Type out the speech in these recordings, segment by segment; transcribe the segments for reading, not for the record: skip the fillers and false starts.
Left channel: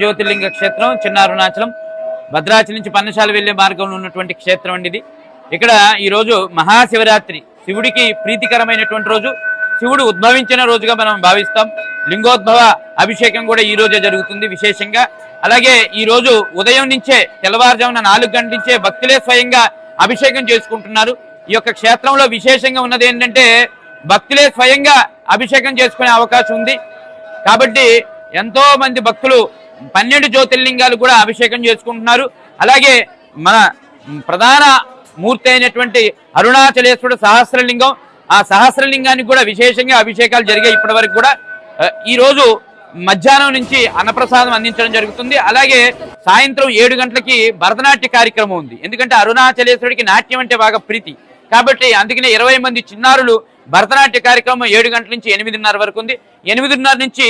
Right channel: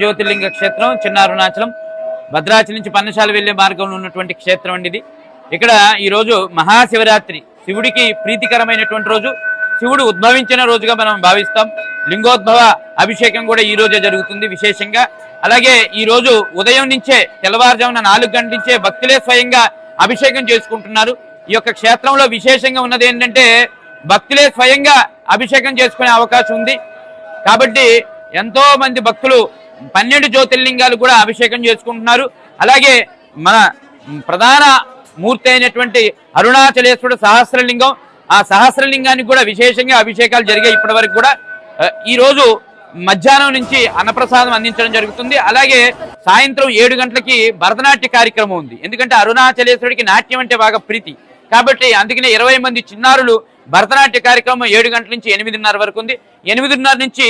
జ్యోతిర్లింగ క్షేత్రం చిన్న అరుణాచలం భద్రాచలం నుంచి పన్నశాల వెళ్లే మార్గంలో ఉన్నటువంటి క్షేత్రం అండి ఇది. ఇక్కడ ఈ రోజు మహాశివరాత్రి, శివుడికి ప్రీతికరమైనటువంటి రోజు, శివుడు ఉద్భవించిన రోజుగా మనం భావిస్తాం. లింగోద్భవ అభిషేకం కూడా ఈ రోజే జరుగుతుంది విశేషంగా. అలాగే ఈ రోజు ఉదయం నుంచే తెల్లవారుజామున 4 గంటల నుంచే భక్తులే స్వయంగా అభిషేకం చేసుకుంటున్నారు. ఈ యొక్క క్షేత్రంలో విశేషంగా ఉన్నది ఏంటంటే భక్తులే స్వయంగా అభిషేకం చేసుకునే అవకాశం ఉంది. కాబట్టి ఎంతో మంది భక్తులు 12 జ్యోతిర్లింగాలు కూడా అభిషేకం చేసుకుంటున్నారు. అలాగే మన ప్రధాన మూర్తి అయినటువంటి అరుణాచలేశ్వరుడు సహస్రలింగం, ఆ సహస్రలింగానికి కూడా విశేషంగా అభిషేకాలు జరిగాయి ఇప్పటి వరకు కూడా. ఈ రోజు మధ్యాహ్నం నుంచి అన్నప్రసాదం అందించడం జరుగుతుంది. అలాగే సాయంత్రం 7 గంటలకి భరతనాట్య కార్యక్రమం ఉంది. ఎందుకంటే అరుణాచలేశ్వరుడికి నాట్యం అంటే బాగా ప్రీతి కాబట్టి అందుకనే 20 మంది చిన్నారులు భరతనాట్య కార్యక్రమం 7 గంటల నుంచి 8:30 వరకు ఉంది. 8:30 నుంచి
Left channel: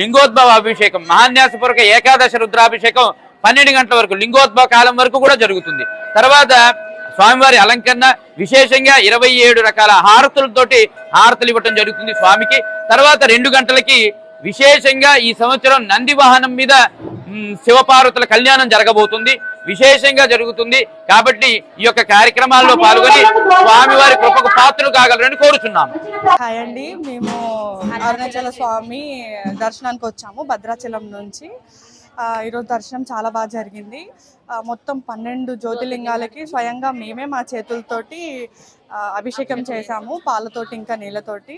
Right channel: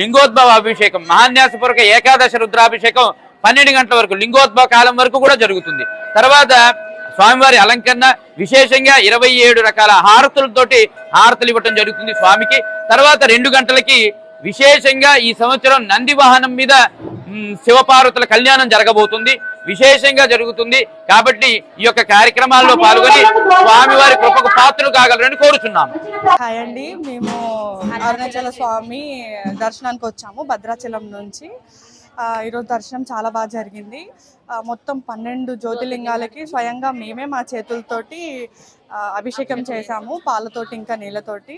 లింగోద్భవ అభిషేకం, మహాన్యాసపూర్వక ఏకాదశ రుద్రాభిషేకం 12 గంటల వరకు లింగోద్భవ కాలం వరకు కూడా జరుగుతుంది. తర్వాత స్వామివారి అలంకరణ విశేషంగా 27 రకాల హారతులతోటి హారతులు ఇవ్వటం జరుగుతుంది స్వామికి. తర్వాత 2 గంటలకి విశేషంగా ఈ సంవత్సరం నంది వాహనం మీద శివపార్వతుల కళ్యాణం జరగబోతుంది, విశేషంగా జరుగుతుంది. కాబట్టి ఈ యొక్క కార్యక్రమాల్లో పాల్గొని స్వామివారి కృపకు పాత్రలు కాగలరని కోరుచున్నాము. హాయ్ అండి, మేము అరుణాచల స్వామి దర్శనానికి వచ్చాము భద్రాచలం నుంచి. ఈరోజు దర్శనం చాలా బాగా జరిగింది. మొత్తం 12 జ్యోతిర్లింగాలకి స్వయంగా మేమే మా చేతులతోటి అభిషేకం చేశాము, పాలతోటి ఇంకా నీళ్ళతోటి.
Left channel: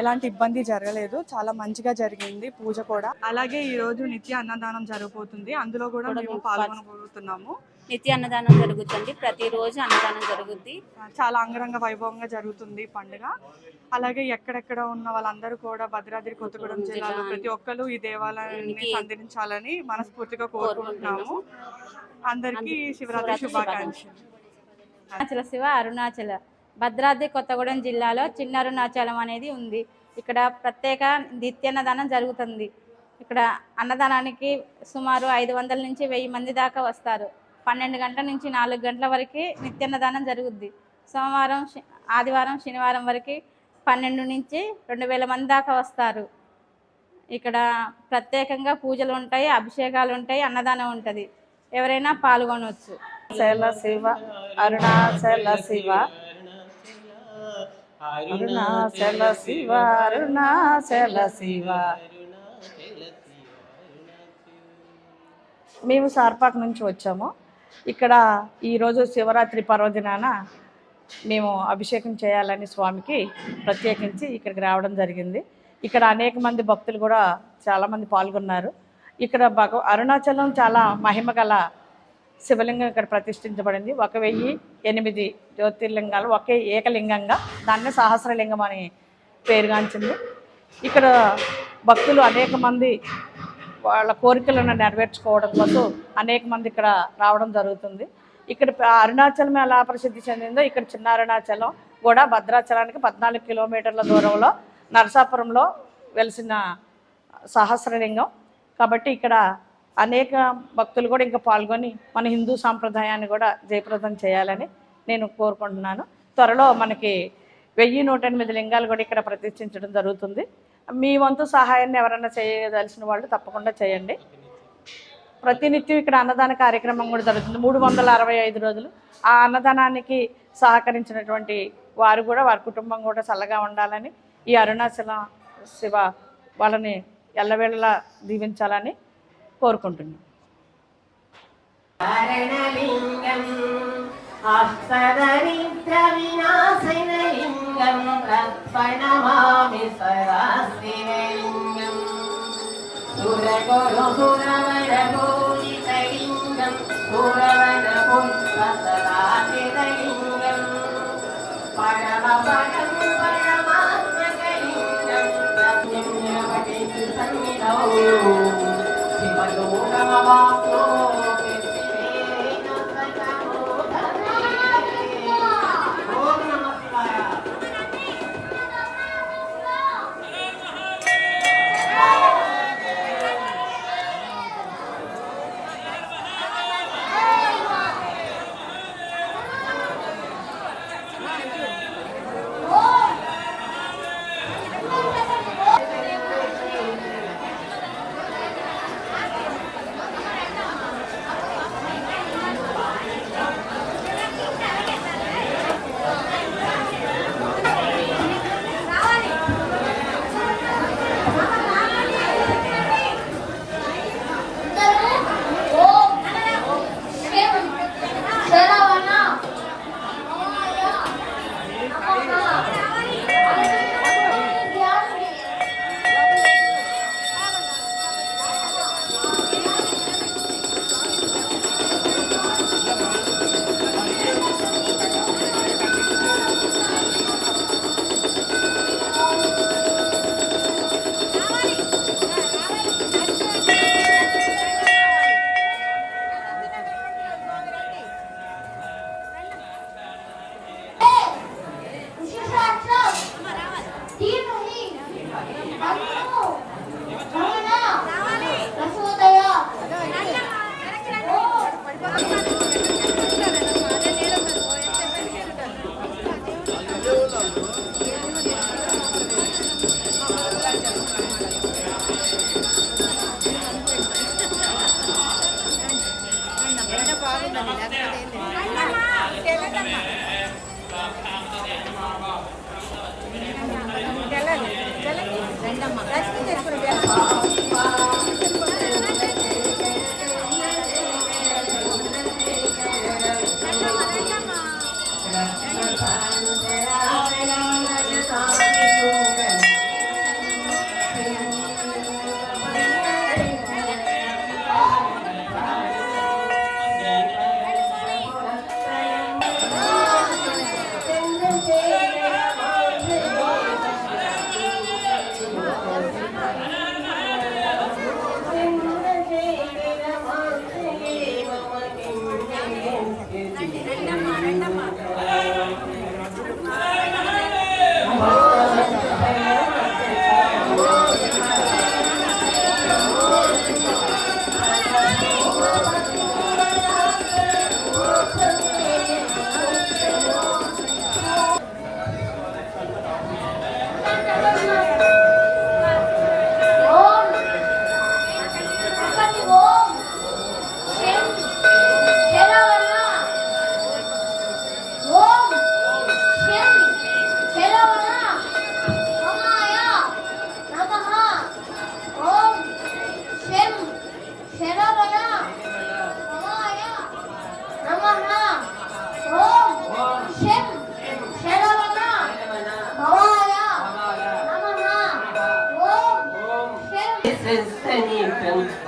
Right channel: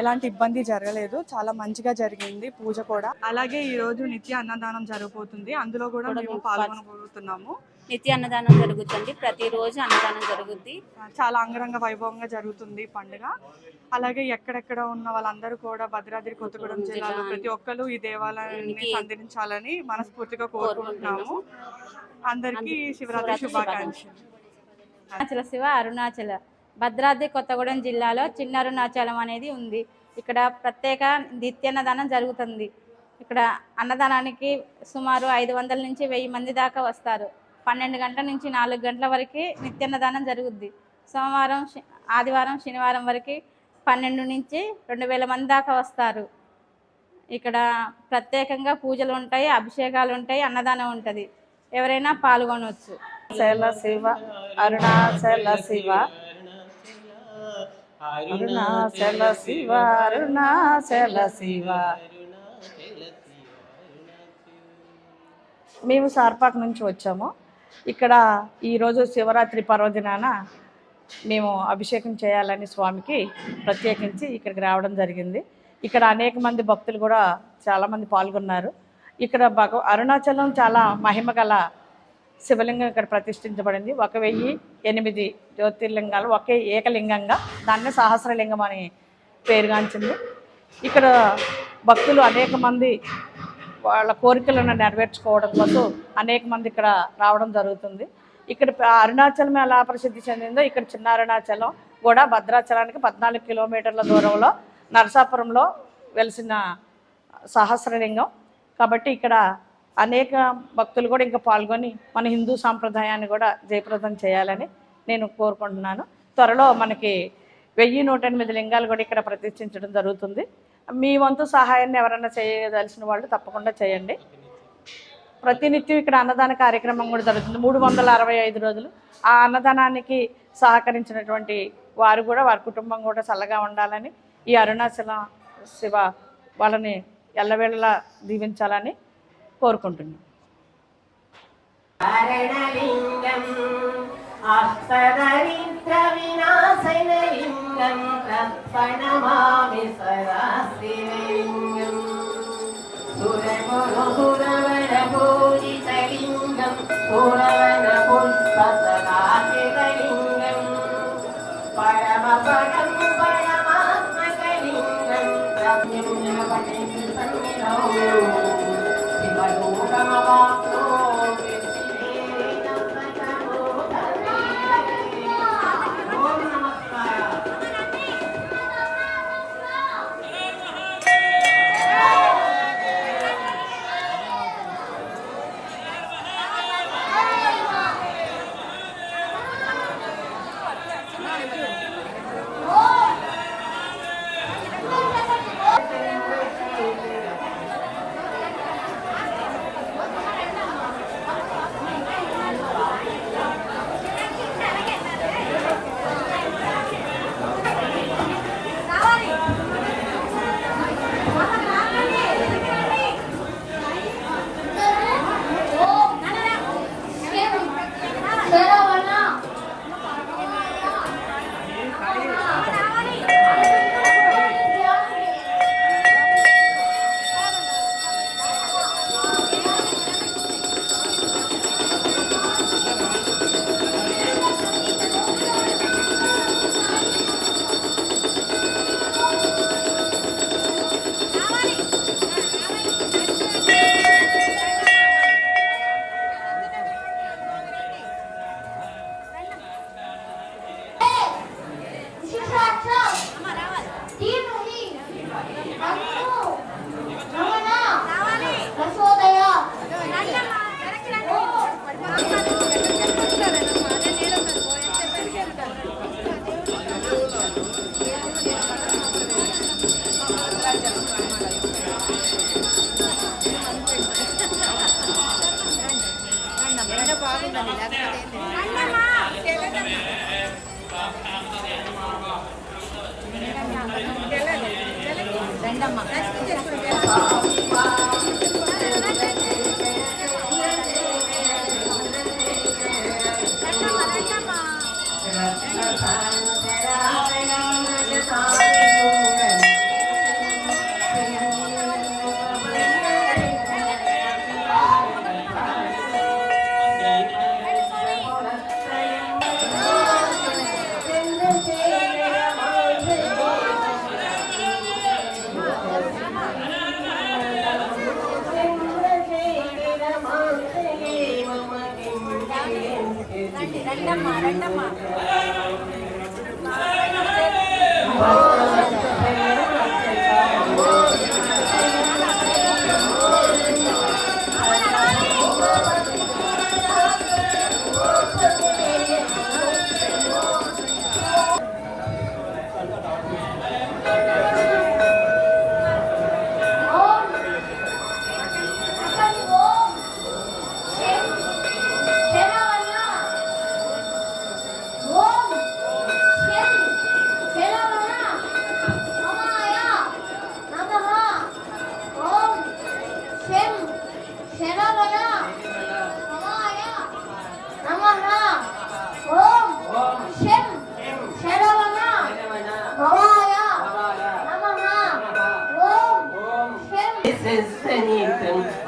ఎలాంటి ఇబ్బంది జరగలేదు, చాలా మంచిగా జరిగింది పూజ కూడా. అలాగే ఈరోజు నిత్య అన్నదానం జరగబోతుంది, అందులో కూడా మేము పాల్గొనబోతున్నాము. నిత్య అన్నదానం జరుగుతుంది, ప్రతిరోజు అన్నదానం జరుగుద్ది. చాలా అంగరంగ వైభవంగా జరుగుతుంది పండుగ. అలాగే ఎక్కడెక్కడ ఉన్న వాళ్ళందరూ కూడా భద్రాద్రి కొత్తగూడెం జిల్లాలో ప్రతి ఒక్కరు ఈ దేవాలయాన్ని సందర్శించాలని మనస్ఫూర్తిగా కోరుకుంటున్నాము. అందరికీ శివరాత్రి శుభాకాంక్షలు. అరుణాచల శివ అరుణాచల భద్రాద్రి కొత్తగూడెం జిల్లాలో చిన్న అరుణాచలం అనేది ఉంది. ఇక్కడ ప్రత్యేక నిత్యాన్నదానం జరుగుతుంది. ఇక్కడ అన్నదానానికి సుమారు 500 నుంచి 1000 మంది దాకా వస్తారు. 12 గంటల నుంచి 4 గంటల వరకు నిత్యాన్నదానం జరుగుద్ది. సోమవారం, ఆదివారం, శనివారం వరకు 12 నుంచి 2000 మంది దాకా వస్తారు. ఇక్కడ ప్రత్యేకంగా పూజలు ఉంటాయి, అభిషేకాలు ఉంటాయి, అన్నదానం ఉంటుంది. ఎవరైనా పాల్గొనవచ్చు. అరుణాచల శివ అరుణాచల శివ అరుణాచల శివ అరుణాచల శివ. మేము సార్పాక్ నుంచి వచ్చాము. ఇక్కడ ఈరోజు శివరాత్రి పర్వదినాన మేము అభిషేకం చేయాలని స్వామికి ప్రత్యేకించి ఇక్కడికి రావడం జరిగింది. ఇక్కడ అనేక మంది భక్తులు కూడా చాలామంది పాల్గొన్నారు. ఇక్కడ అరుణాచలం చాలా మహిమ గల శివలింగం ఇక్కడ ప్రతిష్ఠించబడింది. 1008 జ్యోతిర్లింగాలు ఒకే ఏకలింగంగా, దాన్నే సహస్రలింగం అని పేరుగాంచింది. ఇక్కడ భక్తులు అనేక మంది వాళ్ళ కోరికలను నెరవేర్చుకోవడం కోసం అనేక మంది ఇక్కడ రావడం జరుగుతుంది. ఇక్కడ అరుణాచలం ఎలా ప్రసిద్ధి చెందిందో ఇక్కడ చిన్న అరుణాచలం కూడా భద్రాచలానికి 14 కిలోమీటర్ల దూరంలో నరసాపురంలో వెలిసిన సహస్రలింగం. కాబట్టి ఇక్కడ అనేక భక్తులు కూడా ఇంకా పాల్గొని మన హిందూ సాంప్రదాయాన్ని కూడా జయప్రదం చేయాలని నేను కోరుకుంటున్నాను. త్వరలో మనకి 1108 లింగాలు కూడా ఇక్కడ ప్రతిష్ఠించడం జరుగుతుంది. మీ వంతు సహాయాన్ని ఎవరైనా చేయదలిసిన వాళ్ళు తప్పకుండా చేయండి. ప్రతినిత్యం ఇక్కడ అన్నదాన కార్యక్రమం కూడా జరుగుతుంది 365 రోజులు. ఆ అన్నదానానికి సహకరించినటువంటి వారు కూడా, వారి కుటుంబం కూడా చల్లగా ఉండాలని, ఈ అరుణాచల శివ వాళ్ళని ఎల్లవేళలా దీవించాలని కోరుకుంటున్నాం.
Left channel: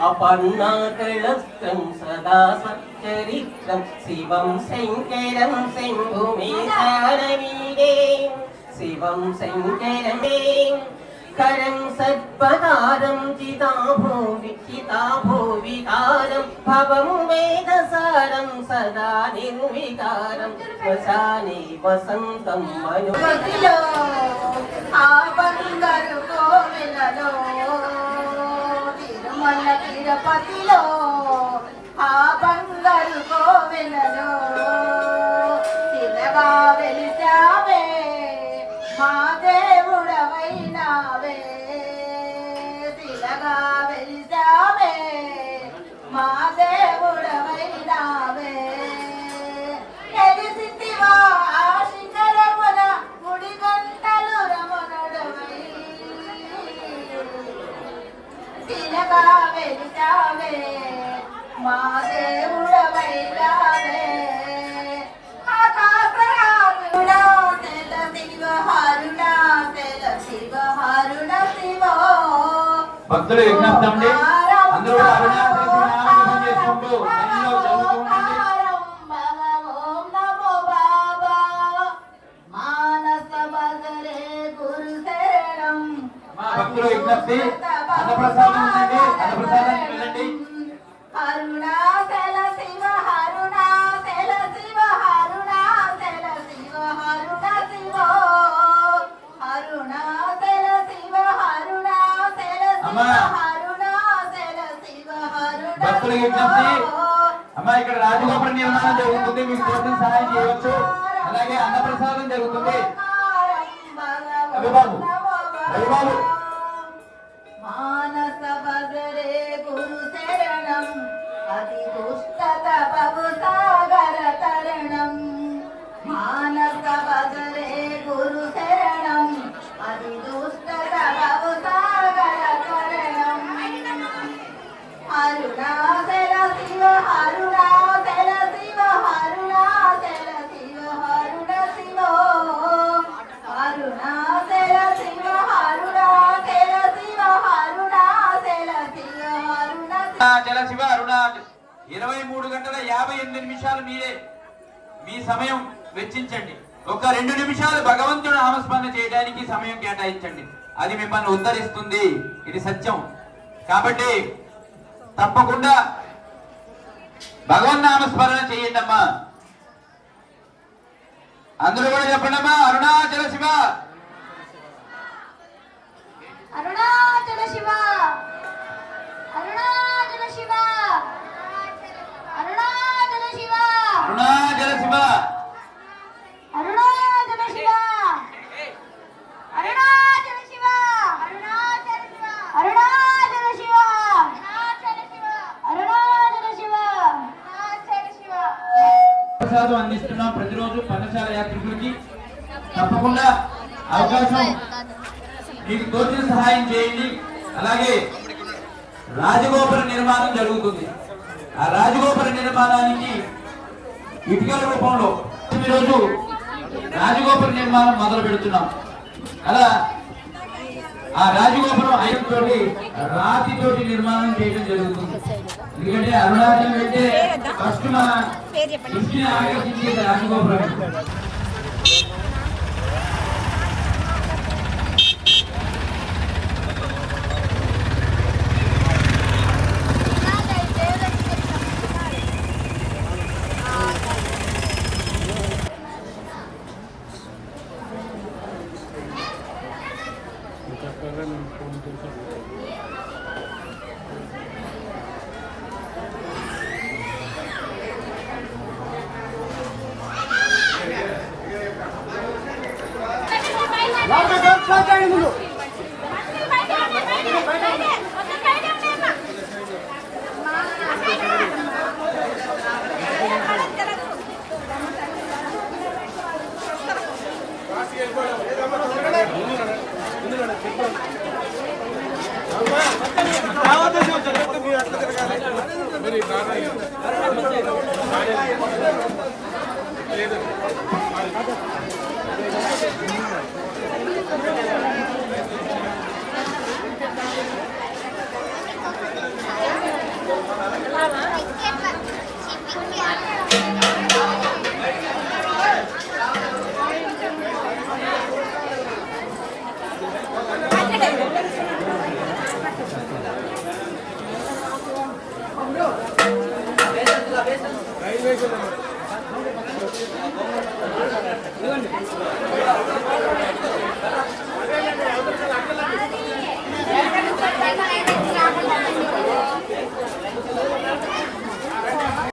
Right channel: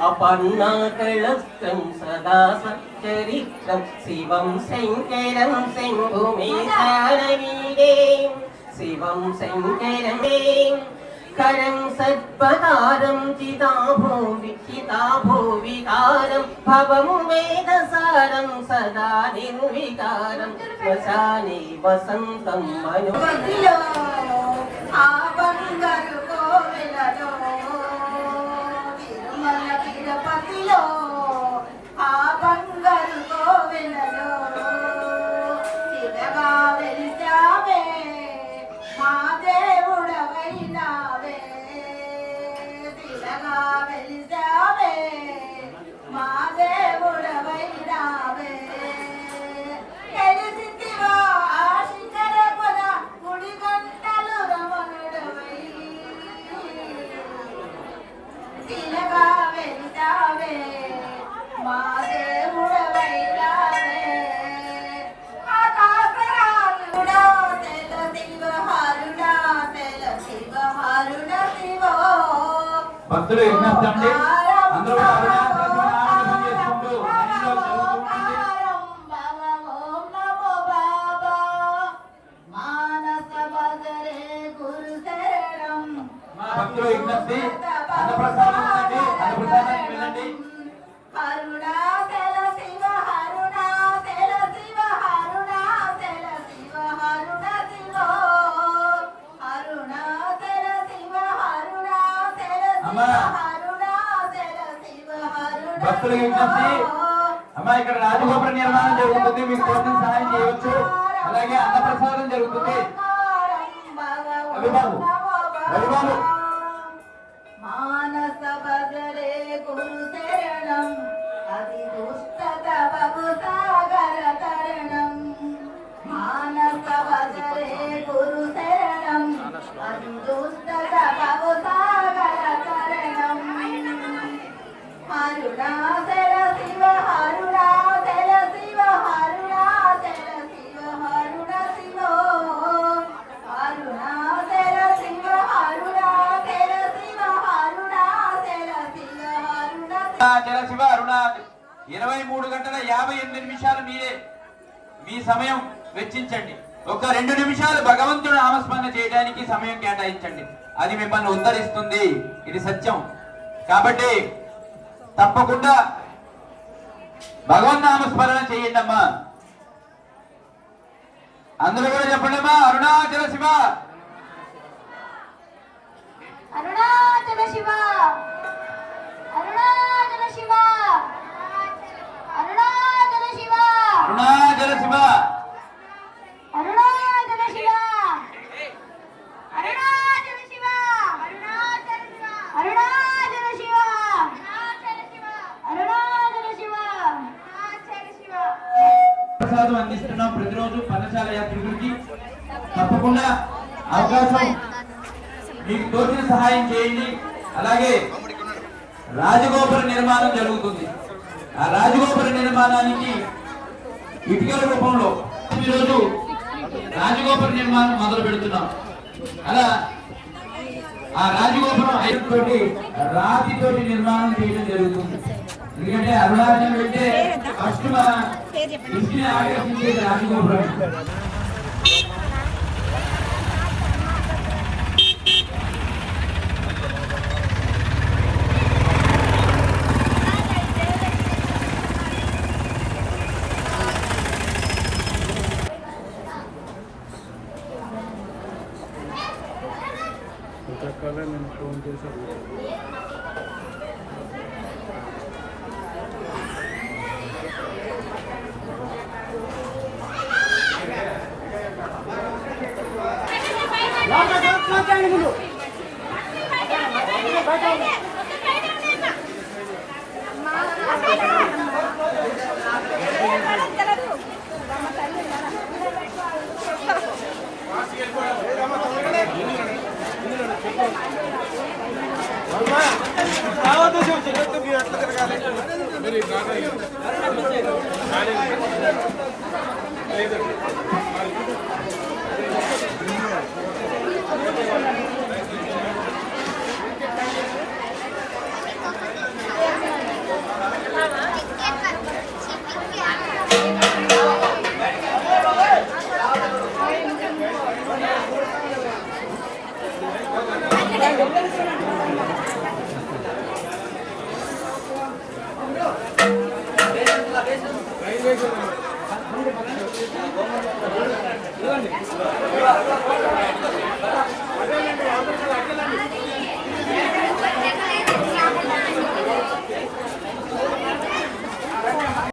అపర్ణాకళస్థం సదా సచ్చరిత్రం శివం శంకరం శంభుమేశారవీడే శివం శంకరం కరం సత్పదారం చితాభోవికారం భవము వేదసారం సదా నిర్వికారం శ్మశానే వసంతం మను తిరుపతిలో ఆ బంగారు కోవెలలో తిరగా వెలిసావే మా దేవుడవైనావే తిరగా వెలిసావే మా దేవుడవైనావే తెలిసివా ఆ శిఖరమున గుడి గంటలు రమణుడవై తిరగా వెలిసావే మా దేవుడవైనావే ఆకాశరాజుడా తెల శివహరుడా తెల శివహరుడ శివో భక్తులు విజ్ఞప్తి అండి, అందరూ కూడా అరుణాచల శివ నామజపం చేసుకుంటూ లైన్లో చదువుతూ ఉండండి. ఓం నమో బాబా మానస బజరే గురు శరణం. మా భక్తులు విజ్ఞప్తి, అన్నప్రసాదం ఉందండి, అన్నప్రసాదానికి వెళ్ళండి. అరుణాచల శివ అరుణాచల శివ అరుణాచల శివ అరుణ శివో అరుణాచల శివ అరుణాచల అమ్మా. శివ అరుణాచల శివ అరుణ భక్తుల విజ్ఞప్తి, అమ్మా ఇక్కడ రాజగోపుర నిర్మాణం జరుగుతుంది, మీకు తోచిన సహాయం చేయవచ్చు. అలాగే అన్నప్రసాదం జరుగుతుంది. రవిబాబు రవిబాబు మానస బజరే గురు శరణం అతి దుష్టత బహు సాగర తరణం మానస బజరే గురు శరణం అతి దుష్టత బహు సాగర తరణం అరుణాచల శివ అరుణాచల శివ అరుణాచల శివ అరుణ శివో అరుణాచల శివ అరుణాచల శివ అరుణాచల శివ అరుణ అరుణాచల శివ అరుణాచల 23 గంటల 58 నిమిషాలు మీరే మీ సమయం వెచ్చించండి. ఒక 2 నిమిషాలు భగవంతుడు నామస్మరణ చేయడానికి సమయం కేటాయించండి, అది మిమ్మల్ని ఉద్ధరిస్తుంది. ఇది సత్యం. కాబట్టి తప్పకుండా భగవన్ నామస్మరణ చేయండి అమ్మా. అందరూ కూడా చెప్పండి అమ్మా, అరుణాచల శివ అరుణాచల శివ అరుణాచల శివ అరుణాచల శివ అరుణాచల శివ అరుణాచల శివ అరుణాచల శివ అరుణాచల శివ అరుణాచల శివ అరుణాచల శివ అరుణాచల శివ అన్నప్రసాదం అందిస్తున్నాం ప్రతిరోజు పర్ణశాల యాత్రికులకి. తప్పకుండా అవకాశం మీకు తోచిన సహాయం చేయండి. అలాగే రాజగోపుర నిర్మాణం జరుగుతుంది. ఆ రాజగోపుర నిర్మాణానికి ఇటుకల రూపంలో ఈరోజు రాజగోపుర నిర్మాణం మొదలు పెడుతున్నాం. అలా ఆ రాజగోపురం ఐదుతోటి రాతితోటి నిర్మాణం చేయడం జరుగుతుంది. ఎందుకంటే అరుణాచలం వెళ్తే ఫస్ట్ మన దృష్టిని ఆకర్షించేది రాజగోపురం. నేను ఫోన్ చేశాను.